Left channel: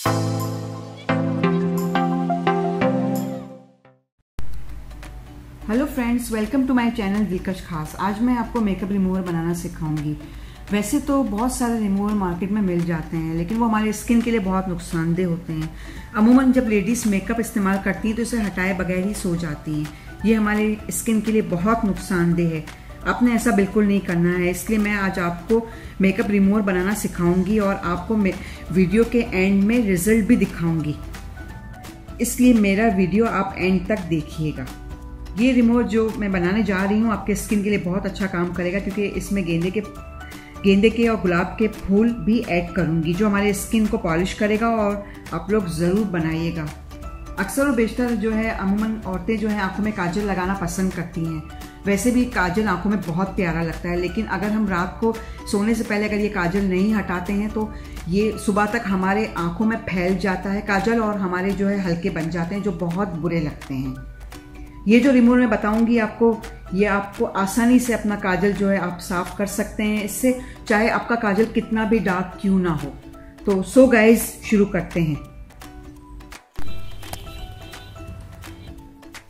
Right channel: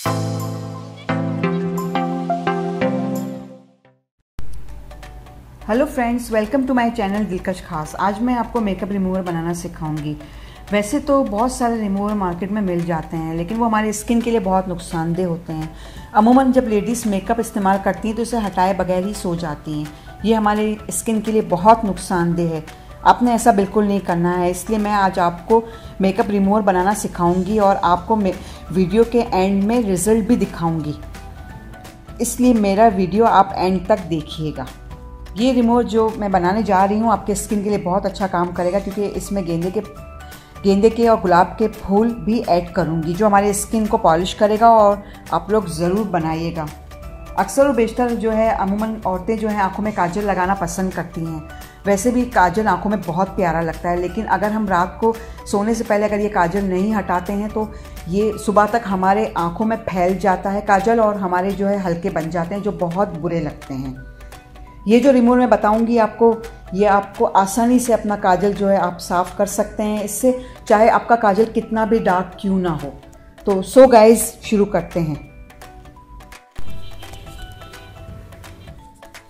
Hello friends, welcome to my channel Dilkash Khaas. आज मैं आपको मेकअप रिमूवर बनाना सिखाऊंगी। वैसे तो बहुत सारे रिमूवर मार्केट में मिल जाते हैं, लेकिन वो हमारी स्किन के लिए बहुत नुकसानदेह होते हैं। अमूमन जब लेडीज़ मेकअप इस्तेमाल करती हैं तो इसे हटाए बगैर ही सो जाती हैं। ये हमारी स्किन के लिए बहुत नुकसानदेह है। आपने ऐसा बिल्कुल नहीं करना है, इसलिए मैं आज आपको मेकअप रिमूवर बनाना सिखाऊंगी और आपको वीडियो के एंड में रिजल्ट भी दिखाऊंगी। इसलिए मेरा वीडियो आप एंड तक देखिएगा। ये रिमूवर जो मैं बनाने जा रही हूँ आपके स्किन के लिए बहुत अच्छा काम करेगा, क्योंकि इसमें गेंदे के और गुलाब के फूल भी ऐड करूँगी, जो हमारे स्किन को पॉलिश करेगा। और आप लोग ज़रूर बनाइएगा। अक्सर और बेशतर जो है अमूमन औरतें जो हैं आँखों में काजल लगाना पसंद करती हैं। वैसे भी काजल आँखों में बहुत प्यारा लगता है, लेकिन अगर हम रात को सोने से पहले अगर ये काजल नहीं हटाते हैं तो ये सुबह तक हमारे आँखों में फैल जाता है काजल, और हमारे जो है हल्के बन जाते हैं, जो बहुत बुरे लगते हैं। ये जो रिमूवर मैं बताऊंगी आपको, ये आपको आसानी से अपना काजल जो है आप साफ कर सकते हैं इससे, चाहे आपका काजल कितना भी डार्क क्यों ना हो। तो सो गाइज, शुरू करते हैं।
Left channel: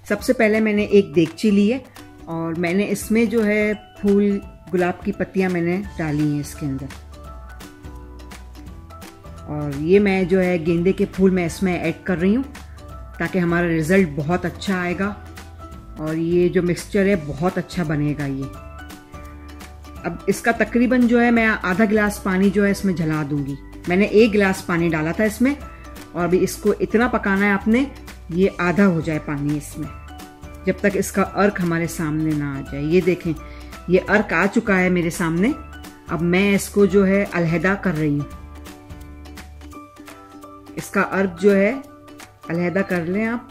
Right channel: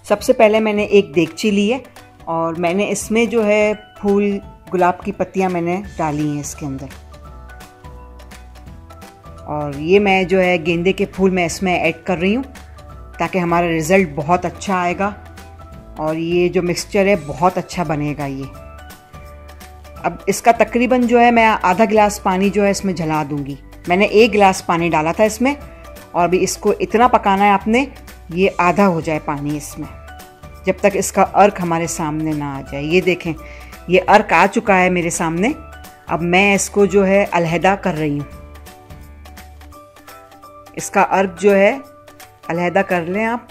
सबसे पहले मैंने एक देगची ली है और मैंने इसमें जो है फूल गुलाब की पत्तियां मैंने डाली हैं इसके अंदर। और ये मैं जो है गेंदे के फूल मैं इसमें ऐड कर रही हूँ, ताकि हमारा रिजल्ट बहुत अच्छा आएगा और ये जो मिक्सचर है बहुत अच्छा बनेगा ये। अब इसका तकरीबन जो है मैं आधा गिलास पानी जो है इसमें जला दूंगी। मैंने 1 गिलास पानी डाला था इसमें, और अभी इसको इतना पकाना है आपने, ये आधा हो जाए पानी इसमें, जब तक इसका अर्क हमारे सामने ना आ जाए। ये देखें, ये अर्क आ चुका है मेरे सामने। अब मैं इसको जो है अलहदा कर रही हूँ। इसका अर्क जो है अलहदा कर लें आप।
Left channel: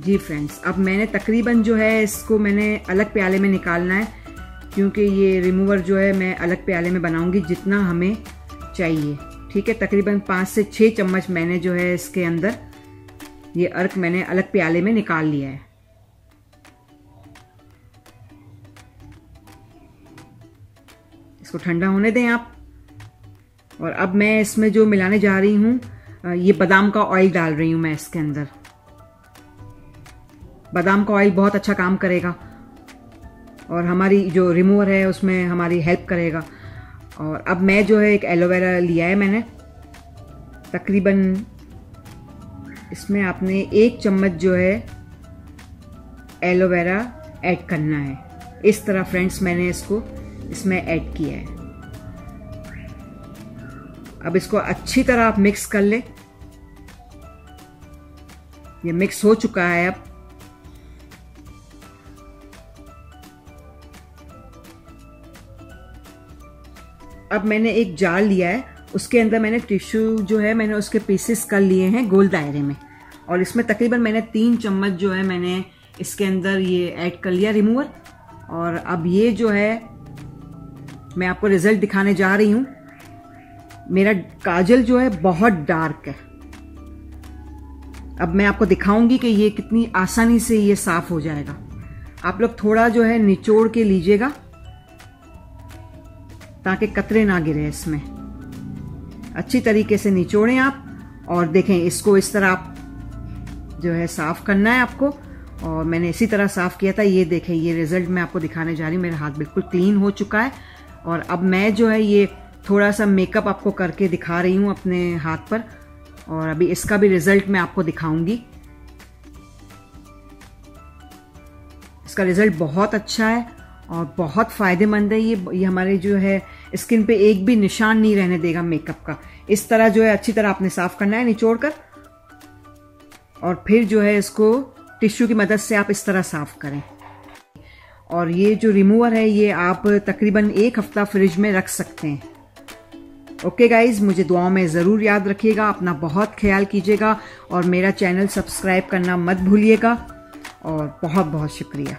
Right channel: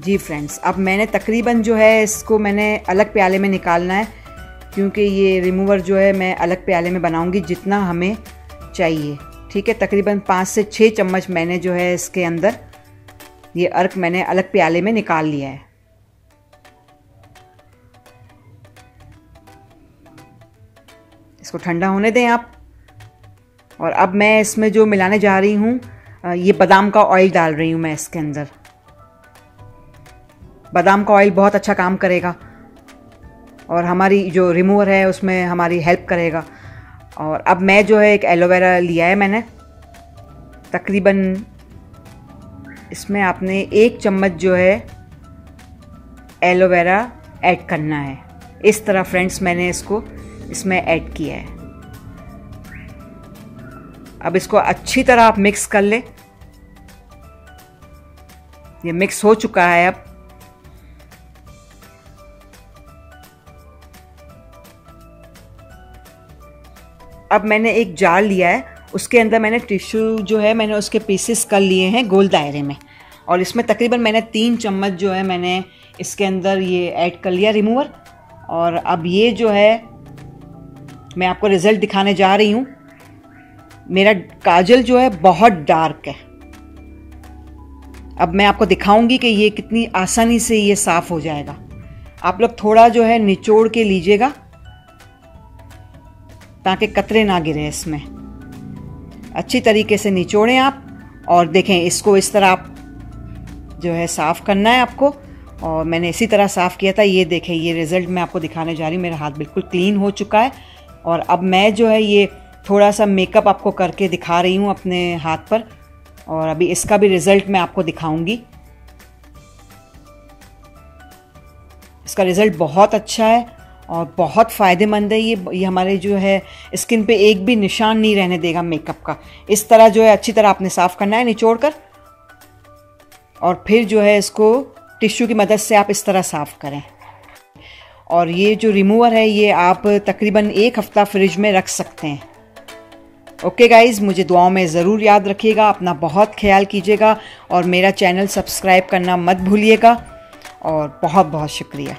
जी फ्रेंड्स, अब मैंने तकरीबन जो है इसको मैंने अलग प्याले में निकालना है, क्योंकि ये रिमूवर जो है मैं अलग प्याले में बनाऊंगी जितना हमें चाहिए। ठीक है, तकरीबन 5 से 6 चम्मच मैंने जो है इसके अंदर ये अर्क मैंने अलग प्याले में निकाल लिया है। इसको ठंडा होने दें आप। और अब मैं इसमें जो मिलाने जा रही हूँ, ये बादाम का ऑयल डाल रही हूँ मैं इसके अंदर। बादाम का ऑयल बहुत अच्छा काम करेगा और हमारी जो रिमूवर है उसमें हमारी हेल्प करेगा। और अब मैं जो है एक एलोवेरा लिया है मैंने, तकरीबन इसमें आपने 1 चम्मच जो है एलोवेरा ऐड करना है। इस तरह फ्रेंड्स मैंने इसको इसमें ऐड किया है। अब इसको अच्छी तरह आप मिक्स कर ले। ये मिक्स हो चुका है। अब मैंने एक जार लिया है, उसके अंदर मैंने टिश्यू जो है मैंने उसके पीसेस कर लिए हैं गोल दायरे में, और इसमें तकरीबन मैंने 3 चम्मच जो है मैंने इसके अंदर ये ऐड कर लिया रिमूवर। और अब ये जो है मैं आपको रिजल्ट दिखाने जा रही हूँ। मेरा काजल जो है बहुत डार्क है। अब मैं आपको दिखाऊंगी कि ये कितनी आसानी से ये साफ हो जाएगा। आप लोग थोड़ा जो है निचोड़ के लीजिएगा, ताकि कतरे ना गिरे इसमें। अच्छी तरीके से निचोड़ें आप। और देखें, इसको इस तरह आप जो है साफ करना है आपको, और मैंने इसी तरह साफ किया था। ये देखें, ये रिजल्ट मैं आपको दिखाने जा रही हूँ। मेरा हाथ बिल्कुल क्लीन हो चुका है। और अब मैं जो है ये थोड़ा सा मेकअप आपको करके दिखा रही हूँ अपने हाथ पर, और अभी इसका भी रिजल्ट मैं आपको दिखाऊंगी। इसका रिजल्ट बहुत अच्छा है और बहुत फ़ायदेमंद है। ये हमारे जो है स्किन पे एक भी निशान नहीं रहने देगा मेकअप का। इस तरह जो है अच्छी तरह आपने साफ़ करना है निचोड़ कर, और फिर जो है इसको टिश्यू की मदद से आप इस तरह साफ़ करें। और ये जो रिमूवर है ये आप तकरीबन 1 हफ्ता फ्रिज में रख सकते हैं। ओके गाइज, मुझे दुआओं में ज़रूर याद रखिएगा। अपना बहुत ख्याल कीजिएगा और मेरा चैनल सब्सक्राइब करना मत भूलिएगा। और बहुत बहुत शुक्रिया।